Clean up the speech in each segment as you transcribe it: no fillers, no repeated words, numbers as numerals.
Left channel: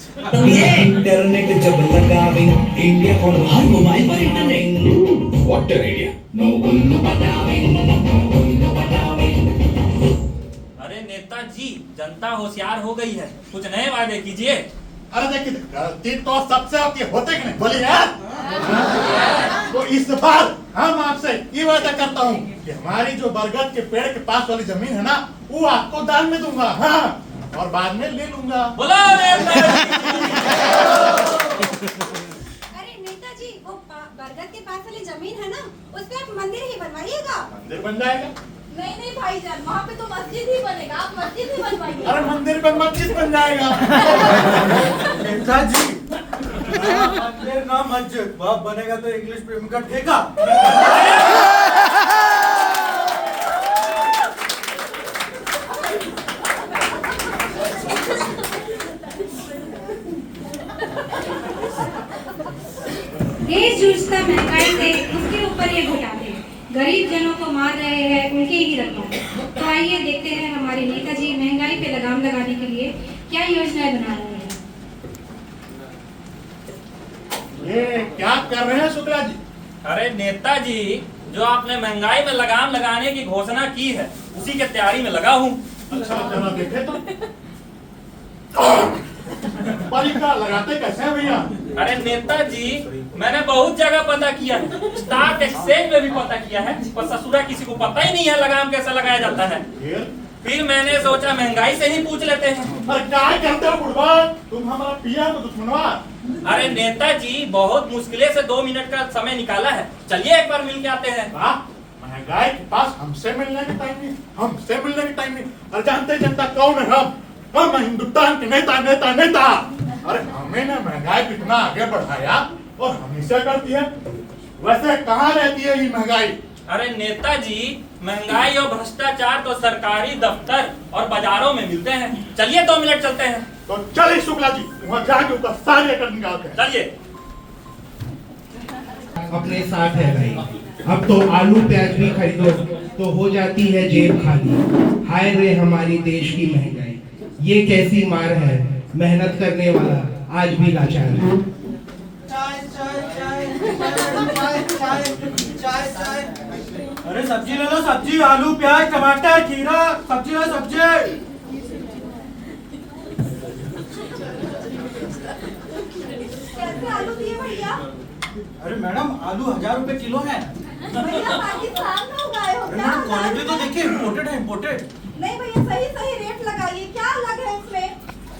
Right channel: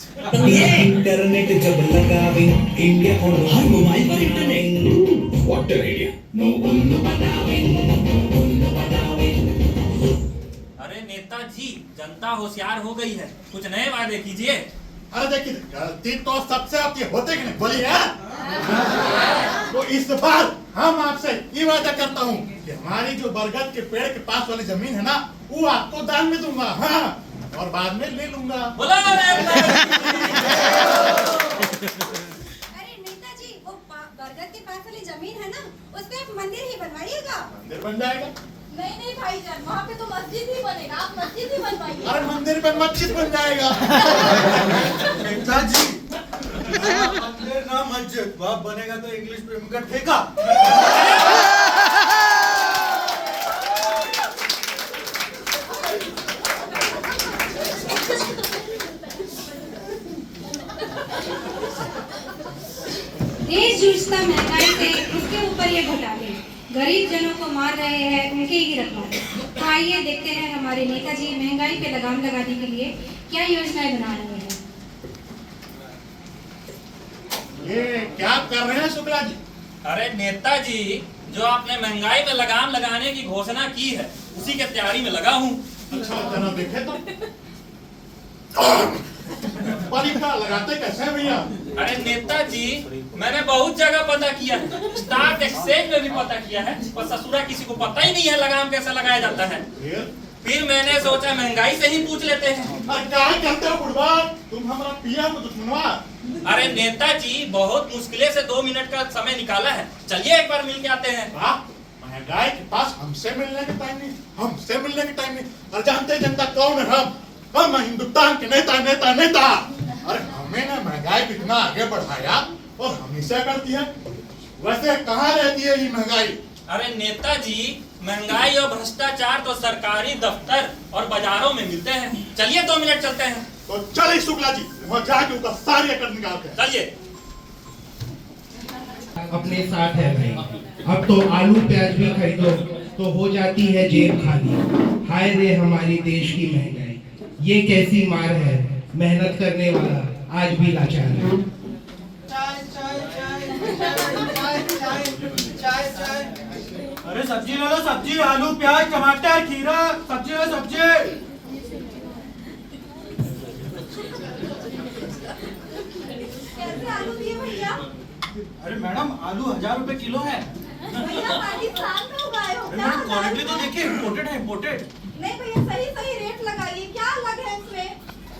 Internet जब लगावे India और हर मोबाइल पर इंटरनेट व्हाट आइडिया नो उल्लू बनावे अरे नेताजी, जनता होशियार हो गई है, कुछ नए वादे कीजिए। अरे देखिए, गलती तो सबसे आपकी होते कि नहीं बोली ना। तो इस बार हम आपसे ये वादा करता हूँ कि हमारी जो बरगद के पेड़ के पास वाली जमीन है ना, वो आपको दान में दूंगा। हाँ, और बाद में ले लूंगा। बोलो नेताजी। अरे नेताजी, वो बरगद के पास वाली जमीन है ना, उस पे आप मंदिर ही बनवाइएगा। मंदिर बन जाएगा। नहीं नहीं भाईजान, वहाँ पे तो मस्जिद ही बनेगा, आप मस्जिद ही बनवाइए। अरे मंदिर पे मस्जिद बन जाएगा। नेताजी, मंदिर ना मस्जिद, बाप बनेगा तो इंग्लिश प्रेम का ठेका। देश जूझता महंगाई से, उसके ऊपर ये घोटाले, गरीब जनों को मार रहे हैं, उनके ही रखवाले। तो आइए देखते हैं हमारे नेताजी महंगाई पे लगाम लगाने के लिए क्या योजनाएं बना रहे हैं। ये क्या कर रहे हैं शुक्ला जी? अरे नेताजी, जो आपने महंगाई में लगाम लगाने की घोषणा की है, उसी के तैयारी में लगा हूँ। अच्छा जरा देखे तो। परीक्षा लगाते कैसे हैं भैया? अरे नेताजी, मैंने बहुत जगह पता किया है, स्टॉक एक्सचेंज में भी पता किया है, पर ससुरा किसी को पता ही नहीं है लगाम कैसे लगाया जाता है। फिर मैंने सोचा महंगाई से ही पूछ लेते हैं। अरे क्या करते हो बुढ़वा? तुम हमारा पीएम दुश्मनवा। अरे नेताजी, बहुत मुश्किल से 2 मिनट का समय निकाला है, चलिए एक बार मिल के आते हैं। वाह, महंगाई के पास हमसे मिलने के टाइम नहीं, हमसे मिलने के टाइम नहीं। अरे जानते जनता कौन है? हम हिंदुस्तान के नेता नेता नेता। अरे हमें ना महंगाई कितना आगे बढ़ाया और हमेशा करती है। वैसे कहाँ रहती है ये महंगाई? अरे नेताजी, महंगाई और भ्रष्टाचार तो सरकारी दफ्तर और बाजारों में मिलते हैं। चलिए 2 मिनट चलते हैं। तो चलिए शुक्ला जी, वहाँ जाके उनका सारे अकड़ निकालते हैं। चलिए। अपने साथ है भाई, अब तो आलू प्याज भी खरीदो तो हो जाती है जेब खाली। हाय रे हमारी देश की महंगाई, ये कैसी मार है, मेहनत करने वाला आज भी लाचार है। चाय। अरे सब्जी ले लो, सब्जी, आलू प्याज टमाटर खीरा, सब्जी लो सब्जी। कैसे आलू दिए भैया? अरे मैडम, आलू 1000 रुपए किलो है। भैया पाकिस्तान में उगाए हो क्या? क्वालिटी तो देखिए, इम्पोर्टेड है, इम्पोर्टेड। नहीं भैया, सही रेट लगाइए, क्या अलग है इसमें?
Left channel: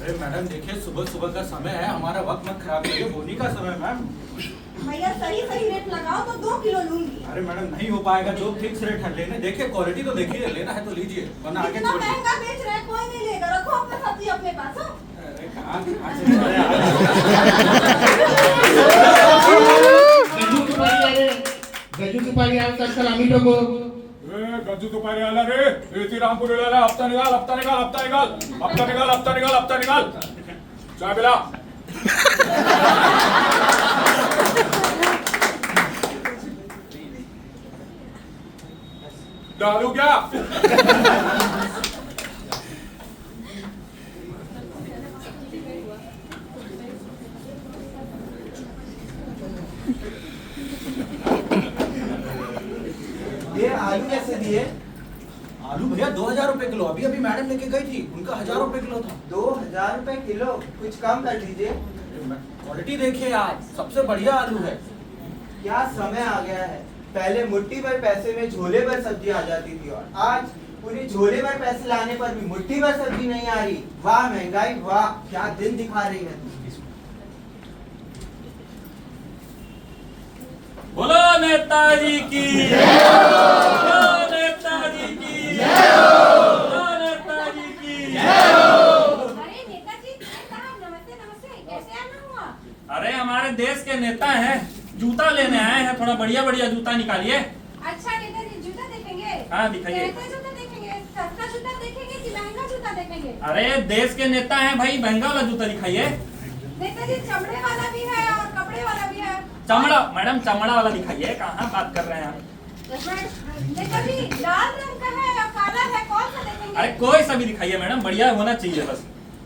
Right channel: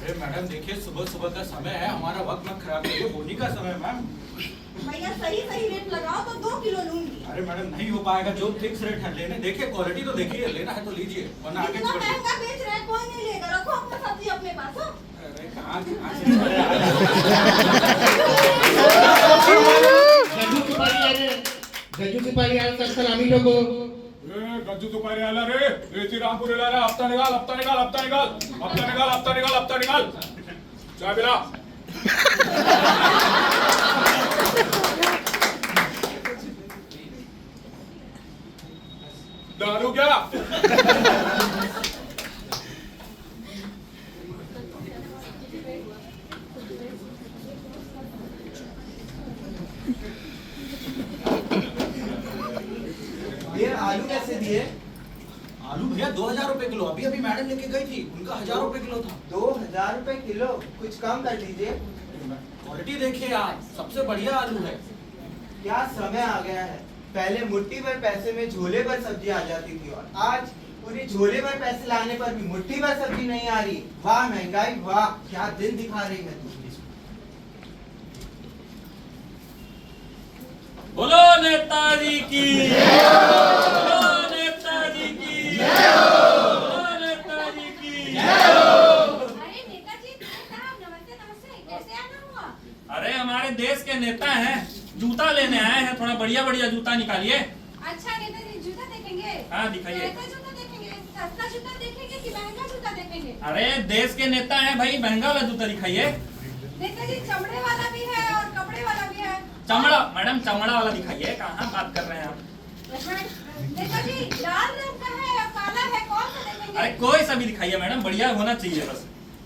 अरे मैडम देखिए, सुबह सुबह का समय है, हमारा वक्त मत खराब करिए, बोनी का समय मैम। भैया सही रेट लगाओ तो 2 किलो लूंगी। अरे मैडम नहीं हो पाएगा, जो फिक्स रेट है लेने। देखिए क्वालिटी तो देखिए, लेना है तो लीजिए, वरना आगे इतना छोड़िए। महंगा बेच रहे हैं, कोई नहीं लेगा, रखो अपने सब्जी अपने पास। हो अरे कहाँ से गजू की पारी का सलामी लोगो। गज्जू तुम्हारे आला रे, रेती रामपुर आला, हफ्ता निकाल, हफ्ता निकाल, हफ्ता निकाल, हफ्ता निकाल, हफ्ता निकाल, हफ्ता निकाल। चाय पिला। डालू क्या? ये आलू कैसे दिए? आलू भैया 2000 रुपए किलो, अभी अभी मैडम लेके गई थी, उनका 1000 रुपए किलो था। 2000 रुपए किलो, कुछ कम कर दीजिए। क्वालिटी देखिए आप, सबसे बढ़िया आलू है। क्या समय आ गया है, पहले मुट्ठी भर पैसे में झोले भर सब्जी आ जाती थी, और आज पूरी झोले भर पैसे लाने पर भी मुट्ठी भर सब्जी नहीं आ रही। वाह महंगाई, वाह क्या दिन दिखा रही है तू। बोलो नेताजी की, बोलो नेताजी की, बोलो नेताजी की। अरे नेताजी साहब, नमस्ते, कैसे आना हुआ? अरे हमारे देश के नेता हैं, जूता लेने आए हैं, थोड़ा बढ़िया जूता निकालिए। अच्छा नेताजी, जूता देखेंगे? हाँ दिखाइए। कैसा जूता देखेंगे? सस्ता जूता देखेंगे कि महंगा जूता देखेंगे? अरे देश के नेता हैं भाई, महंगा वाला जूता दिखाइए। नेताजी चमड़े वाला भी है और कपड़े वाला भी है। चमड़ा, मैडम चमड़ा वाला दिखाइए। कहाँ बात कर रहे हैं आप? नेताजी लाल रंग का है या काला है, कौन सा देखेंगे? अरे कोई सा भी दिखाइए मैडम, बढ़िया होना चाहिए बस।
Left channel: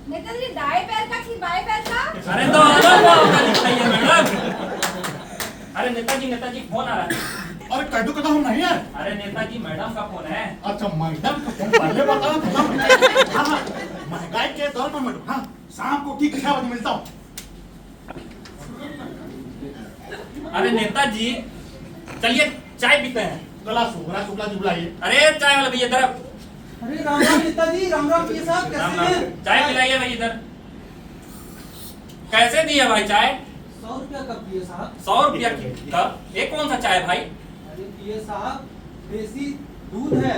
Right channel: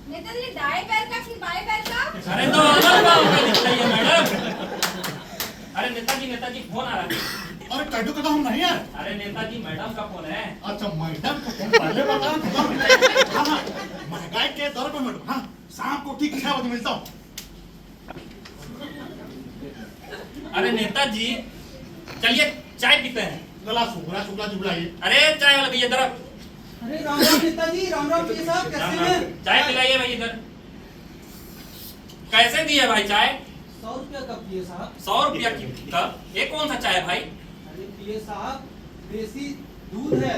नेताजी दाएं पैर का कि बाएं पैर का? अरे तो अलग बात का दिखाइए मैडम। अरे नेताजी फोन आ रहा है। अरे कैदू का तो हम नहीं है। अरे नेताजी मैडम का फोन है। अच्छा मैडम का फोन पहले बताया। हाँ महंगाई के दौर पर मैडम, हाँ शाम को ठीक 6 बजे मिलता हूँ। अरे नेताजी चलिए चाय पीते हैं। गला शुक्ला जी बुलाइए। अरे चाय वाला भैया इधर। अरे राम राम नेताजी, राम राम पीए साहब, कैसे हैं? चाय पिलाइए भाई इधर। कैसे दिए भाई चाय? 100 रुपया कप पीए साहब। 100 रुपया की कप? ये कौन सा चाय भाई? अरे पीए साहब, देसी दूध है,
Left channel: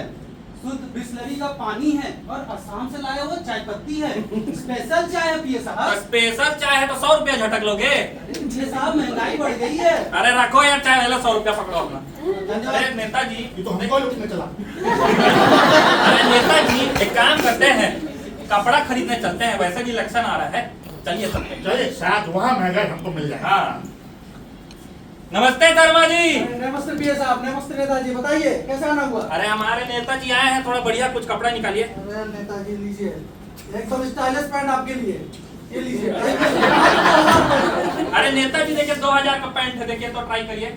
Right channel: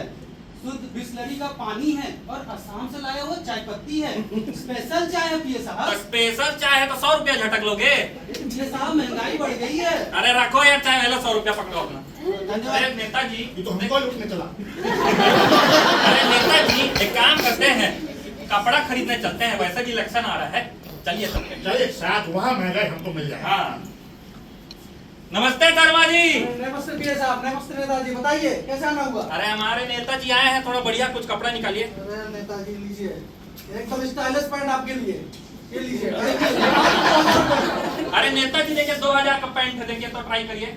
शुद्ध बिस्लरी का पानी है और असम से लाया हुआ चाय पत्ती है। स्पेशल चाय है पीए साहब। स्पेशल चाय है तो 100 रुपया झटक लोगे? पीए साहब महंगाई बढ़ गई है। अरे रखो यार चाय वाला 100 रुपया पकड़ो अपना। अरे नेताजी ये तो हमको लूटने चला। अरे नेताजी एक काम करते हैं, कपड़ा खरीदने चलते हैं, वैसे भी इलेक्शन आ रहा है, चलिए चलते हैं। चलिए शायद वहाँ महंगाई हमको मिल जाए। हाँ नमस्ते शर्मा जी। नमस्ते पीए साहब, नमस्ते नेताजी, बताइए कैसे आना हुआ? अरे हमारे नेताजी आए हैं, थोड़ा बढ़िया कुछ कपड़ा निकालिए। अरे नेताजी लीजिए, एकदम स्टाइलिश पैंट आपके लिए, ये लीजिए। अरे नेताजी देखिए 2000 का पैंट है, देखिए तो ट्राई करिए।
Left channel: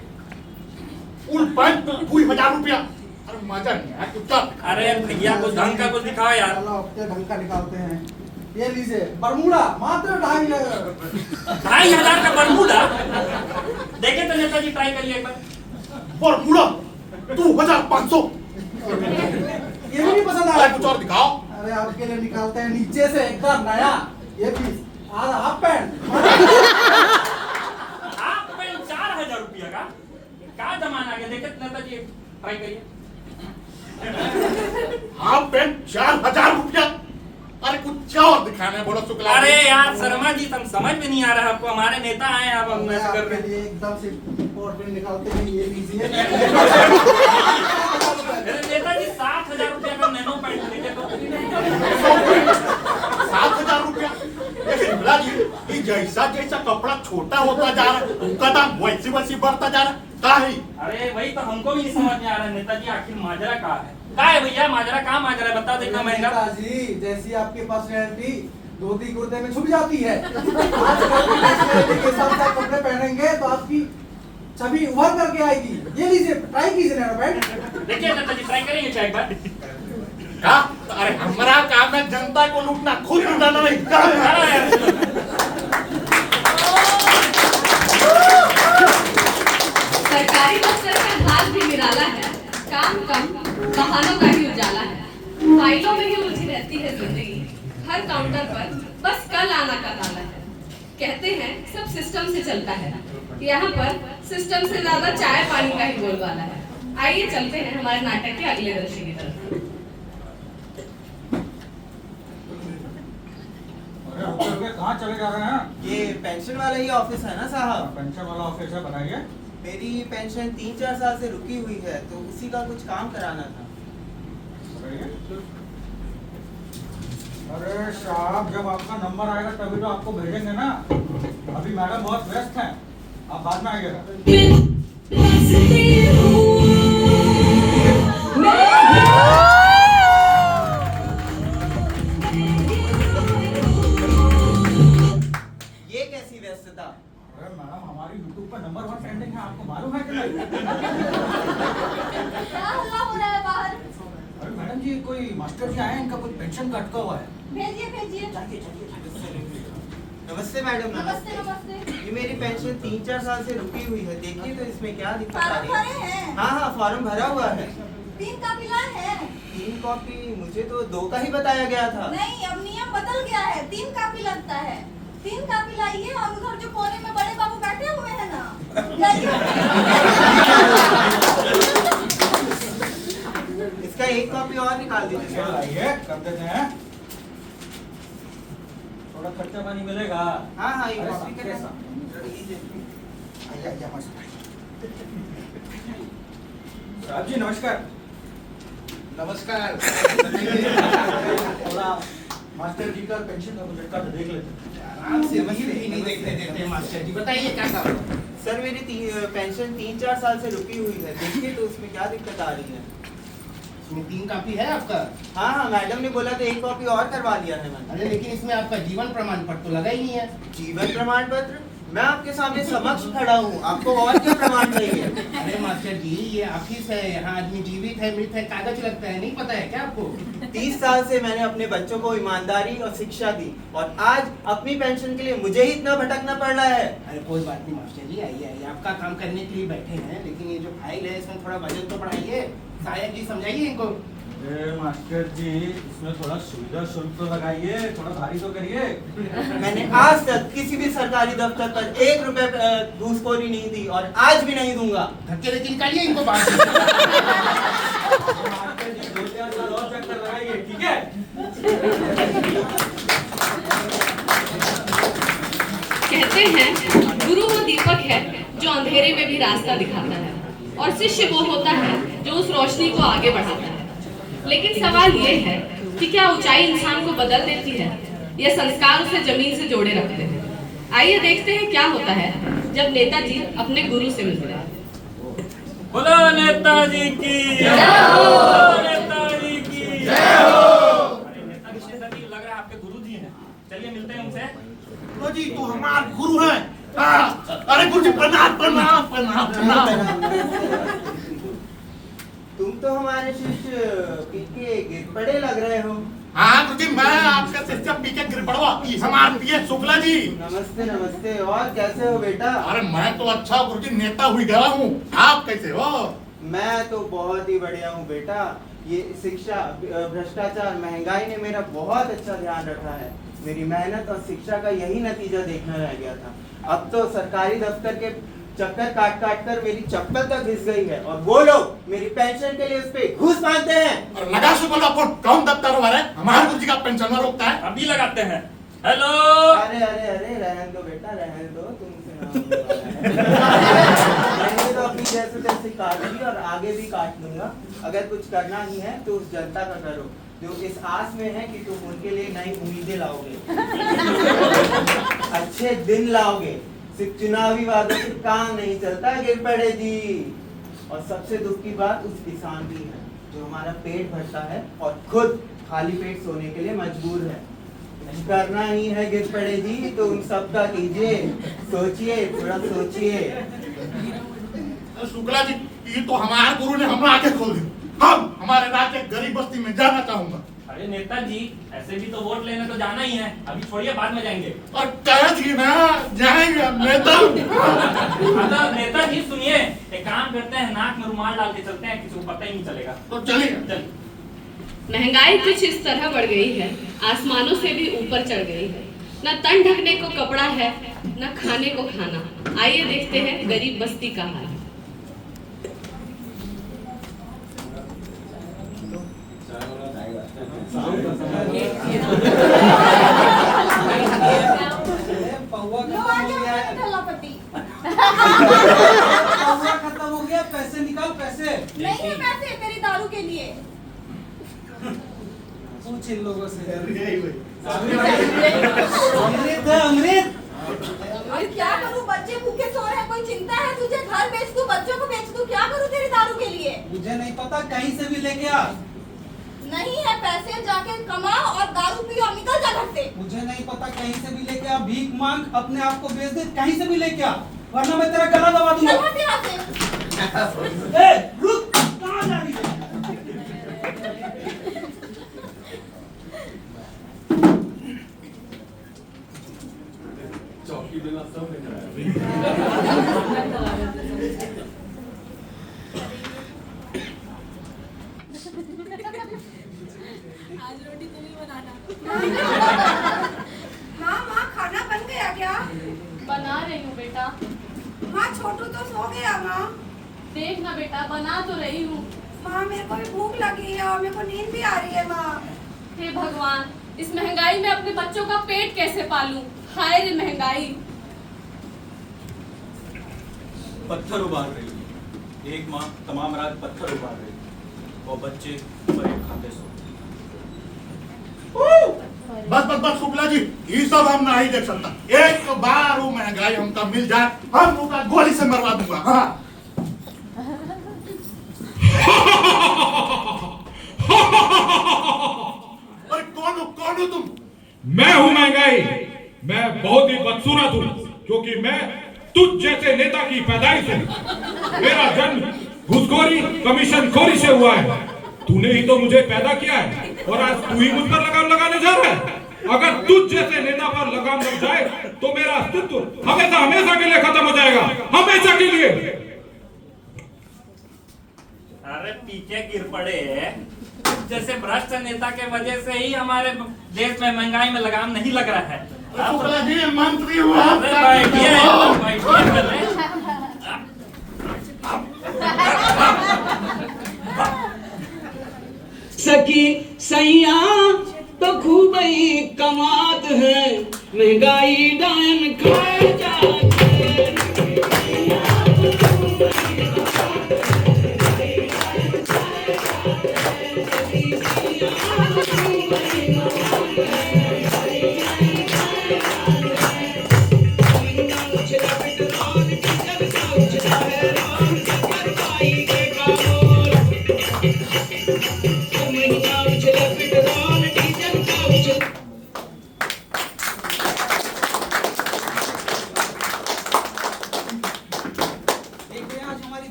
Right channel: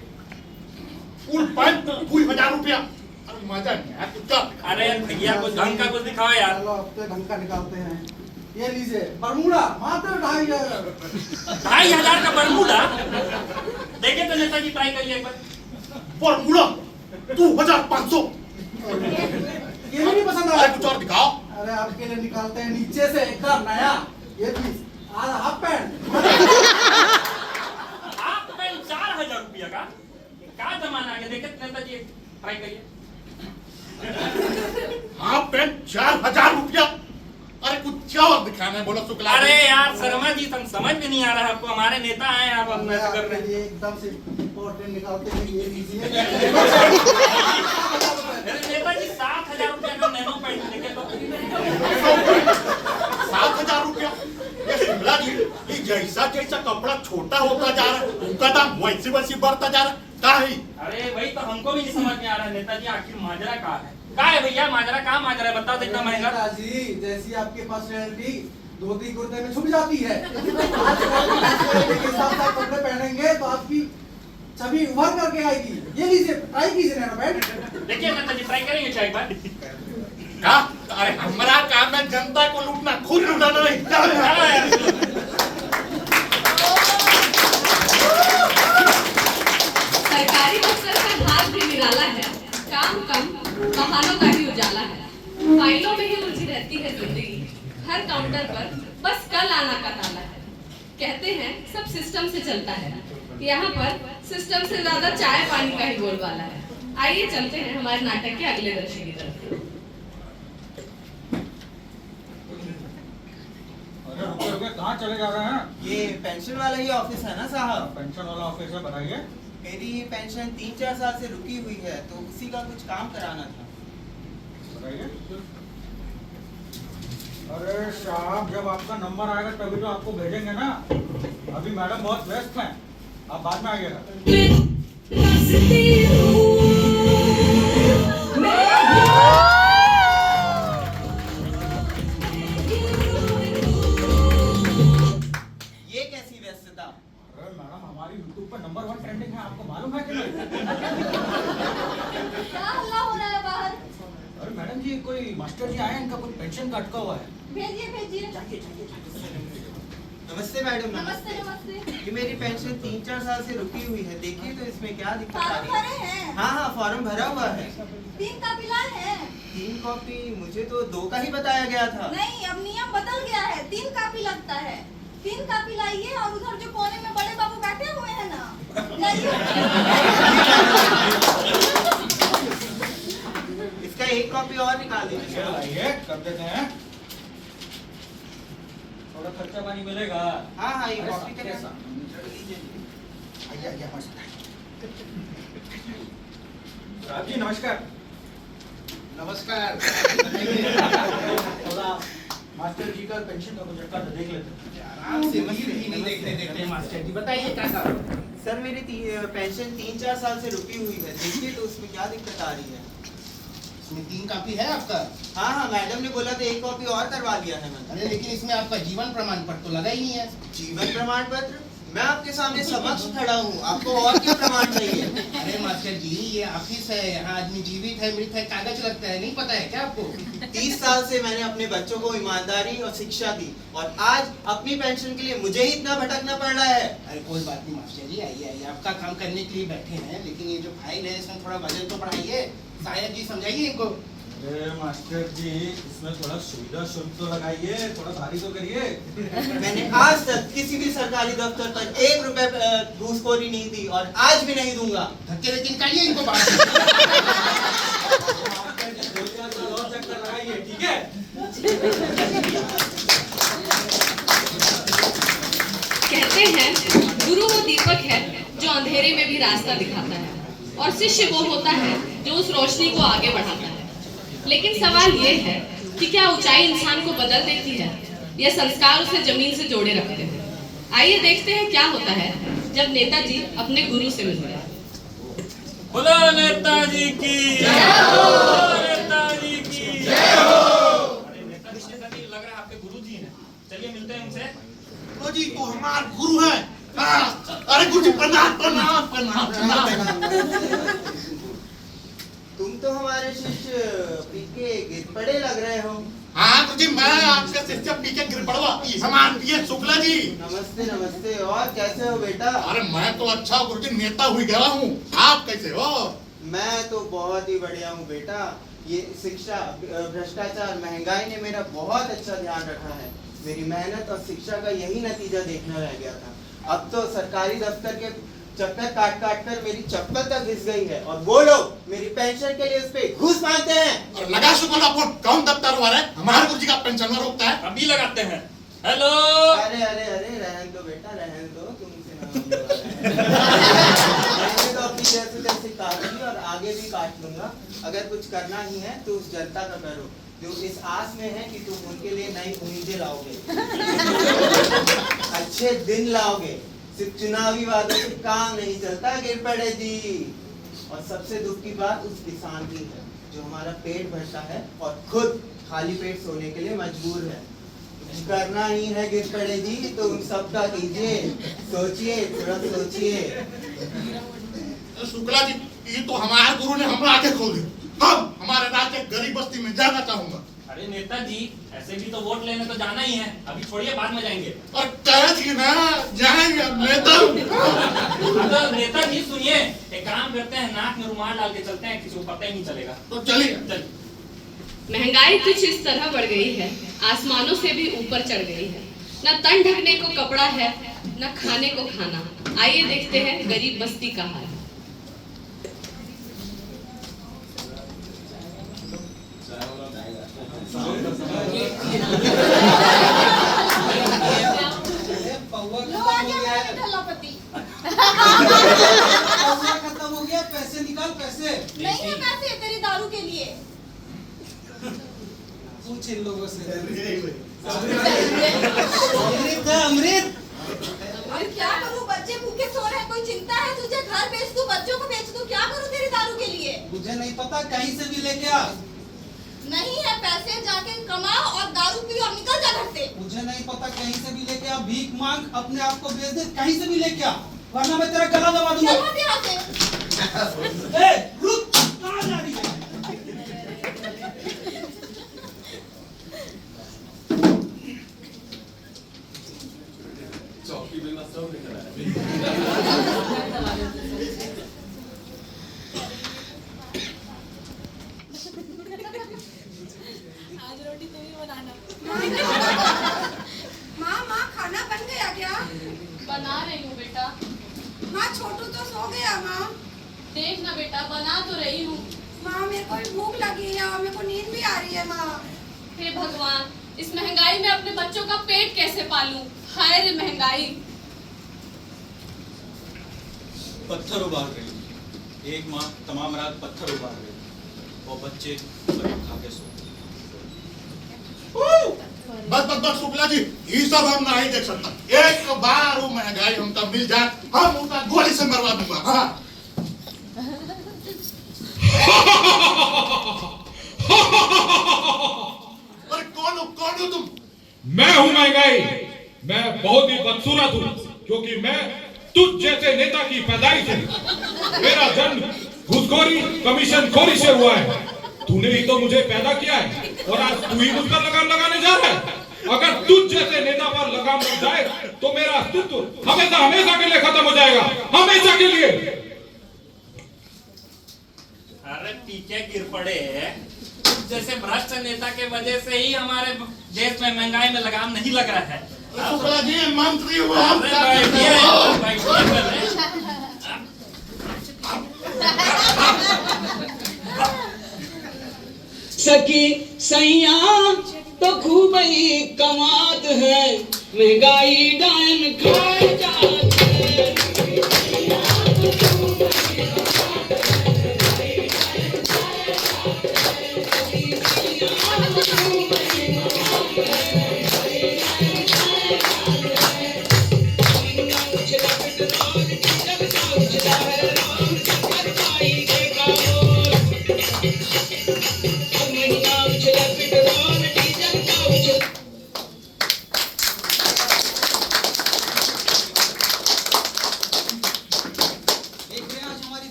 फुल पैंट 2000 रुपया। अरे मजा नहीं आया कुछ का। अरे भैया कुछ ढंग का कुछ दिखाओ यार। चलो अपने ढंग का निकालते हैं, ये लीजिए बरमूडा, मात्र 2500। 2500 का बरमूडा? देखिए तो नेताजी ट्राई करिए एक बार। बरमूडा 2500। ये भी नहीं पसंद आ रहा? कुछ और दिखाओ। अरे आपके लिए निकालते हैं नीचे से एकदम नया, ये piece half pant. Half pant 4000 रुपया का? क्या जमाना आ गया, देखिए नेताजी ट्राई करिए। हाफ पैंट 4000 रुपया। अरे कुछ क्या और दिखाना है बोलो शुक्ला। अरे यार शर्मा जी समझ में नहीं आ रहा आपको, हमारे नेता आए हैं, आप हम ऐसे कर रहे हैं। एकदम से पोर्ट्रेट निकालते हैं, ये लीजिए। अरे नेताजी 7000 रुपया का नैनो पैंट देखे तो। 7000 रुपया। ये शुक्ला जी, ये जैसा जैसा कपड़ा छोटा होता जा रहा है उनका दाम वैसी वैसी बढ़ता जा रहा है। का है? अरे वही तो हमको भी नहीं समझ में आ रहा है नेताजी, आखिर माजरा का है भैया? माजरा कहाँ माजरा है, बता दो इतना महंगा। नेताजी जैसी आपकी पर्सनैलिटी धोती कुर्ते में छुप जाती है, आज के साथ साथ कपड़े पहनेंगे तो आपकी छवि उभर करके आएगी। ये लीजिए, ट्राई कीजिए नैनो पैंट। देखिए नेताजी ट्राई करेंगे चाय एक बार। का? अरे हमारा काम है जनता को लूटना, खुद लूटना नहीं। सरकारी दफ्तर का हाथ भी निराला है, काम कम बहानों का ही उजाला है, फाइलों में ही उलझी रहती है जिंदगी, हर काउंटर पर बस कल आना का ताला है। कहते हैं सब सिस्टम से चलता है, यहाँ पर सिस्टम से ज्यादा चाय पानी का ही बोलबाला है। आइए चलते हैं हमारे नाटक के अगले दृश्य की तरफ। कहाँ चले जा रहे हैं? ये पेंशन वाला ही ऑफिस है ना साहब? पेंशन वाला ऑफिस है, बताइए। मेरी पेंशन 3-4 साल से रुकी हुई है, तो उसी का कुछ काम कराना था। बताइए। अरे साहब जब आपका नंबर आएगा तभी तो आपको भेजेंगे ना, अभी मैडम बहुत व्यस्त हैं, आप बाद में आइएगा। ये कैसी व्यस्तता? अरे मैडम हमारी YouTube पर नंबर 1 ट्रेंडिंग है, आपको मालूम है कि नहीं? क्या हल्ला हो रहा है बाहर? अरे मैडम जी कोई मास्टर जी आए हैं, इनका कुछ पेंशन का अटका हुआ है। भेजिए। नमस्ते मैडम। नमस्ते नमस्ते। ये मेरी पेंशन 3-4 साल से रुकी हुई है, देखिए तो इसमें क्या दिक्कत आ फॉर्म रही है? भरे हैं? हाँ फॉर्म भरा हुआ है। 3 कॉपी लाए हैं? 3 कॉपी? मुझे तो 2 का ही बताया गया था। नहीं, अब नियम बदल गया है, 3 कॉपी लगता है। 3 कॉपी लाइए और उधर जो कोने में बड़े बाबू बैठे हुए हैं ना, इसका 1 कॉपी और निकाल दीजिए। आइए कर देते हैं, थोड़ा खर्चा पानी मिलेगा। हाँ ये अरे कॉपी साहब, के कैसा? लीजिए। आइए हमारे साथ। साहब जी नमस्कार। नमस्कार। थोड़ा मास्टर जी का पेंशन का बजट का देख लेते हैं। आराम से नहीं देखते मास्टर जी, बताइए क्या काम? सर मेरी पेंशन 3-4 साल से रुकी हुई है, देखिए तो उसमें क्या दिक्कत आ रही है? इसमें 3 कॉपी है आपका? हाँ हाँ, मैडम ने बोला था 1 कॉपी और करवा लिया है मैंने। अरे लेकिन इसमें आपका जीवन प्रमाण पत्र तो लगा ही नहीं है। जीवन प्रमाण पत्र? मैं आपके सामने समक्ष खड़ा हूँ, आपको और क्या प्रमाण चाहिए? अरे मास्टर जी, ये ऑफिस है, यहाँ आदमी जीवित है मृत है कागज लगता है, नहीं पता है क्या आपको? 30 साल से मैंने अपने बच्चों को ईमानदारी और शिक्षा दी, और आज अपनी पेंशन के लिए मुझे ही इतना भटकना पड़ रहा है। अरे कोई बात नहीं मास्टर जी, आइए आइए, आपका काम करने के लिए बैठे हैं, लेकिन ये जो फाइल है इसमें थोड़ा वजन तो बढ़ाइए। सायद जी समझाइए इनको। अरे मास्टर जी, इसमें थोड़ा सुविधा शुल्क तो लगाइए, थोड़ा भारी तो करिए। मैंने आज तक किसी भी सरकारी दफ्तर पर 1 रुपए घूसखोरी नहीं दी, और आज भी नहीं दूंगा। धक्के लेके निकालिए इनको बाहर। मास्टर जी 2-4 साल और चक्कर लगाइए, ठीक है? कहते हैं गुरु वो दीपक है जो अंधेरे में भी रास्ता दिखाता है, और शिष्य वो होता है जो उस रोशनी को आगे बढ़ाता है। लेकिन सवाल ये है कि क्या ऊंचाई इंसान को बदल देती है या संस्कार उसे जमीन से जोड़े रखते हैं? आइए देखते हैं क्या होता है जब नेताजी अपने गुरु से मिलते हैं। बोलो नेताजी की जय हो, बोलो नेताजी की जय हो। अरे नेताजी लग रहा है आपके गुरु जी हैं, चलिए मिलते हैं उनसे। गुरु जी तो हमारे गुरु हैं। अरे गुरु जी प्रणाम प्रणाम प्रणाम प्रणाम। तुम तो हमारे शिष्य पीके गिर पड़े लग रहे हो। हाँ गुरु जी, मैं आपके शिष्य पीके गिर पड़वा, हमारे पीए शुक्ला जी। नमस्ते नमस्ते, और कैसे हो बेटा? अरे मैं तो अच्छा गुरु जी, नेता हुई गया हूँ, आप कैसे हो? मैं तो बहुत ही बढ़िया हूँ बेटा। ये शिक्षा, भ्रष्टाचार, महंगाई ने मेरा बहुत अच्छा ध्यान रखा है। मेरी मेहनत और शिक्षा का यही नतीजा देखना रह गया था। अब तो सरकारी दफ्तर के चक्कर काट काट कर मेरी चप्पल तक घिस गई है, और वो लोग मेरी पेंशन के लिए उस पे घूस मांगते हैं। और लगा शुक्ला अपन कौन दफ्तर वाला है? हमारे गुरु जी का पेंशन रोकता है। अभी लगाते हैं। हेलो। अरे अरे अरे, रहन दो बेटा, रहन दो, तुमसे ना होने वाला है। मैंने तो अपनी जैसे तैसे काट ली, और आगे भी काट लूंगा। अगर कुछ करना ही है तो उस जनता का करो जो इस आस में है कि तुम उनके लिए नई उम्मीदें लाओगे, अच्छे दिन लाओगे। सिर्फ चुनावी वादों से काम नहीं चलता गिर पड़े जी। और सबसे दुख की बात उस किसान की है जो हमारा पेट भरता है और खुद खाली पेट सोने के लिए मजबूर है। कुछ करना ही है गिर पड़े जी तो उन सबका कीजिए, सोचिए, थोड़ा सोचिए। शुक्ला जी, ये तो हमारे गुरु ने हमारा आंखें खोल दी। हम हमारे राज्य गरीब बस्ती में जाना चाहूंगा। अरे नेताजी, ऐसे भी तो वोट लेने तो जाना ही है, अभी छोड़िए, बाद में जाएंगे। और कह जी ना, जाएंगे नेता। मतलब नेताजी सुनिए, एक काम करते हैं, नाक में रुमाल डाल के चलते हैं, किसी को पता ही नहीं चलेगा। तो चलिए। महंगाई कुछ इस तरह बढ़ गई है, आसमानों से भी ऊपर चढ़ गई है। न तन ढकने को कपड़ा है, न खाने को खाना। आइए देखते हैं गरीब बस्ती का हाल। खत्म हो गया, पैसे निकाल, पैसे नहीं है पैसे तेरी दारू के लिए। पूछ इन लोगों से। अमृत है, अमृत। और क्या करूं, बच्चे भूखे सो रहे हैं, कोई चिंता है तुझे? घर बेच दूं, बच्चों को बेच दूं, क्या करूं तेरी दारू के लिए? मुझे नहीं पता, कहीं से भी लेके आ। नहीं है पैसे, जाके कमाओ और दारू पियो और निकल जा घर से। मुझे नहीं पता, कहीं से भी लेके आ, भीख मांग, अपने आप को बेच दे, कहीं से भी लेके आ, वरना मैं तेरा गला दबा दूंगा। चल हट यहाँ से। ए, रुक, कहाँ जा रही है? चौकी देना सब नहीं कराया। माँ खाना बन गया क्या? बना रही हूँ बेटा। माँ छोटू तो सो गया। माँ देख ना बेटा, बना तो रही हूँ। माँ मेरे को भी भूख लगी है और मेरे को नींद भी आ रही है। माँ हे भगवान, इस महंगाई में अपने बच्चों का पेट कैसे पालूं? हाय रे महंगाई। पत्थर उबाल रही है, एक माँ तमाम रात पत्थर उबाल रही है, वो बच्चे बड़े खाते सो। बस बस बस शुक्ला जी, ये सब हम नहीं देख सकता। एक बार वो महंगाई हमका मिल जाए, हम उसका गोली से मरवा दूंगा। हाँ। अरे कौन हो तुम? मैं हूं महंगाई। मैं बहुत ही बदसूरत हूं क्योंकि मैं तुझ जैसे नेता की पैदाइश हूं। मेरा जन्म घूसखोरी कमीशन खोरी से हुआ है। तूने ही तो मुझे पैदा किया है और आज तू ही मुझ पर लगाम लगाने जा रहा है। अगर तुझ जैसे नेता पर लगाम लग जाए तो मेरा अस्तित्व हमेशा के लिए खत्म हो जाएगा, हमेशा के लिए। अरे पीछे गिर पड़े जैसे भ्रष्ट नेता के वजह से ही हमारे देश में महंगाई में लगाम नहीं लग रहा है। शुक्ला जी मंत्री हुआ। सखी सैया तो खूब ही कमात है, महंगाई डान खाए जाते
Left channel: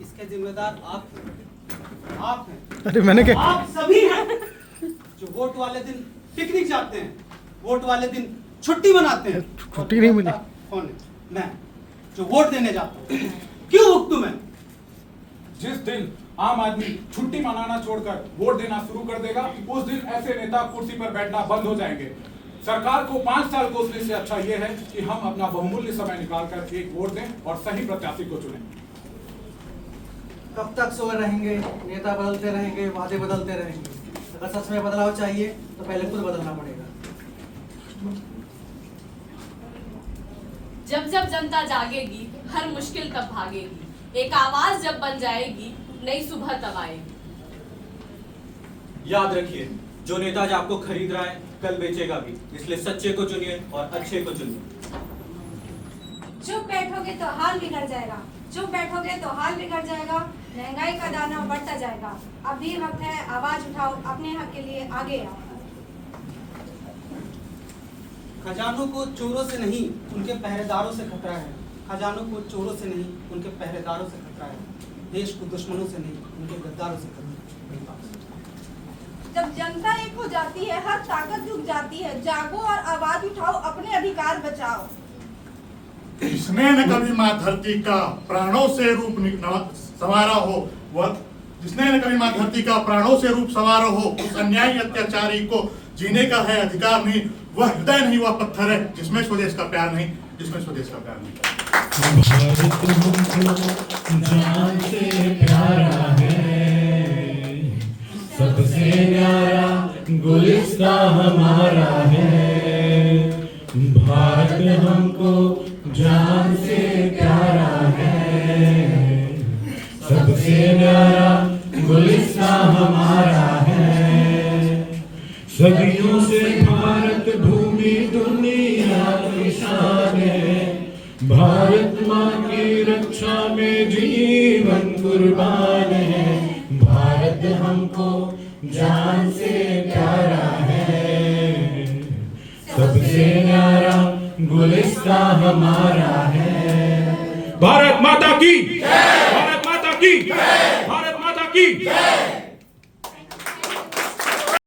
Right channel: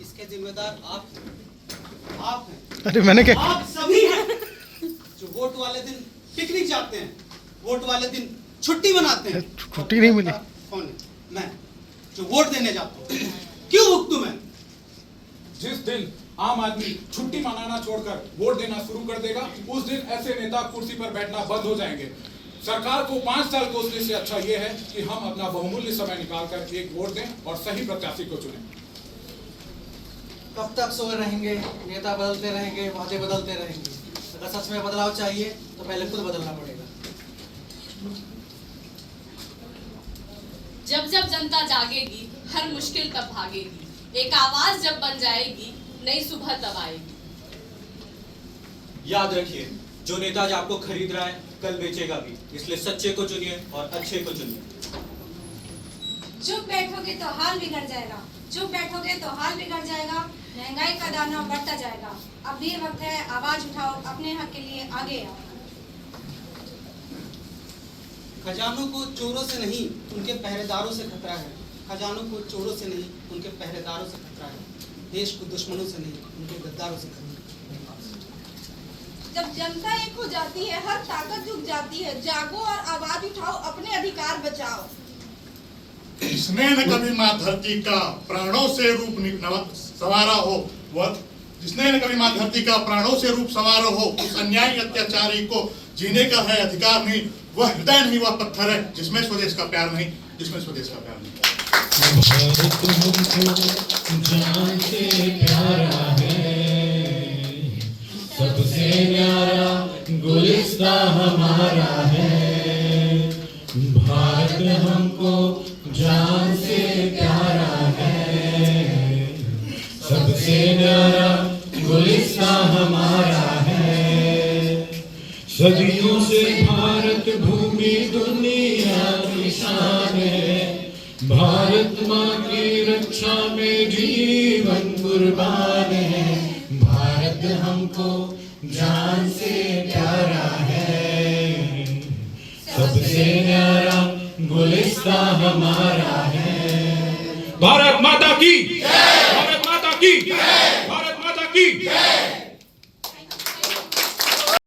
इसके जिम्मेदार आप हैं। अरे मैंने क्या? आप सभी हैं जो वोट वाले दिन पिकनिक जाते हैं, वोट वाले दिन छुट्टी मनाते हैं। छुट्टी नहीं मिली। कौन है? मैं जो वोट देने जाता हूँ। क्यों भुगतूं मैं? जिस दिन आम आदमी छुट्टी मनाना छोड़कर वोट देना शुरू कर देगा, उस दिन ऐसे नेता कुर्सी पर बैठना बंद हो जाएंगे। सरकार को 5 साल कोसने से अच्छा यह है कि हम अपना बहुमूल्य समय निकालकर एक वोट दें और सही प्रत्याशी को चुनें। कब तक सोए रहेंगे? नेता बदलते रहेंगे, वादे बदलते रहेंगे। अगर सच में बदलाव चाहिए तो पहले खुद बदलना पड़ेगा। जब जब जनता जागेगी, हर मुश्किल तब भागेगी। एक आवाज जब बन जाएगी, नई सुबह तब आएगी। याद रखिए, जो नेता आज आपको खरीद रहा है कल बेचेगा भी, इसलिए सच्चे को चुनिए और अच्छे को चुनिए। चुप बैठोगे तो हाल बिगड़ जाएगा, चुप बैठोगे तो हाल बिगड़ जाएगा। महंगाई का दाना बढ़ता जाएगा। अब भी वक्त है, आवाज उठाओ, अपने हक के लिए आगे आओ। खजानों को चोरों से नहीं, उनके पहरेदारों से खतरा है। खजानों को चोरों से नहीं, उनके पहरेदारों से खतरा है। देश को दुश्मनों से नहीं, उनके गद्दारों से खतरा है। जब जनता एक हो जाती है, हर ताकत झुक जाती है। जागो और आवाज उठाओ, अपने अधिकार बचाओ। जिसने न कभी माँ धरती का प्राणों से रूप संवारा हो, वह जिसने न कभी माँ धरती का प्राणों से रूप संवारा हो, उस अन्यायी अत्याचारी को जीने का है अधिकार नहीं। वह हृदय नहीं, वह पत्थर है जिसमें स्वदेश का प्यार नहीं, जिसमें स्वदेश का प्यार नहीं। भारत हमको जान से प्यारा है, सबसे न्यारा गुलिस्ता हमारा है। भारत हमको जान से प्यारा है, सबसे न्यारा गुलिस्ता हमारा है। सदियों से भारत भूमि दुनिया की शान है। भारत माँ की रक्षा में जीवन कुर्बान है। भारत हमको जान से प्यारा है, सबसे न्यारा गुलिस्ता हमारा है। भारत माता की जय! भारत माता की जय! भारत माता की जय!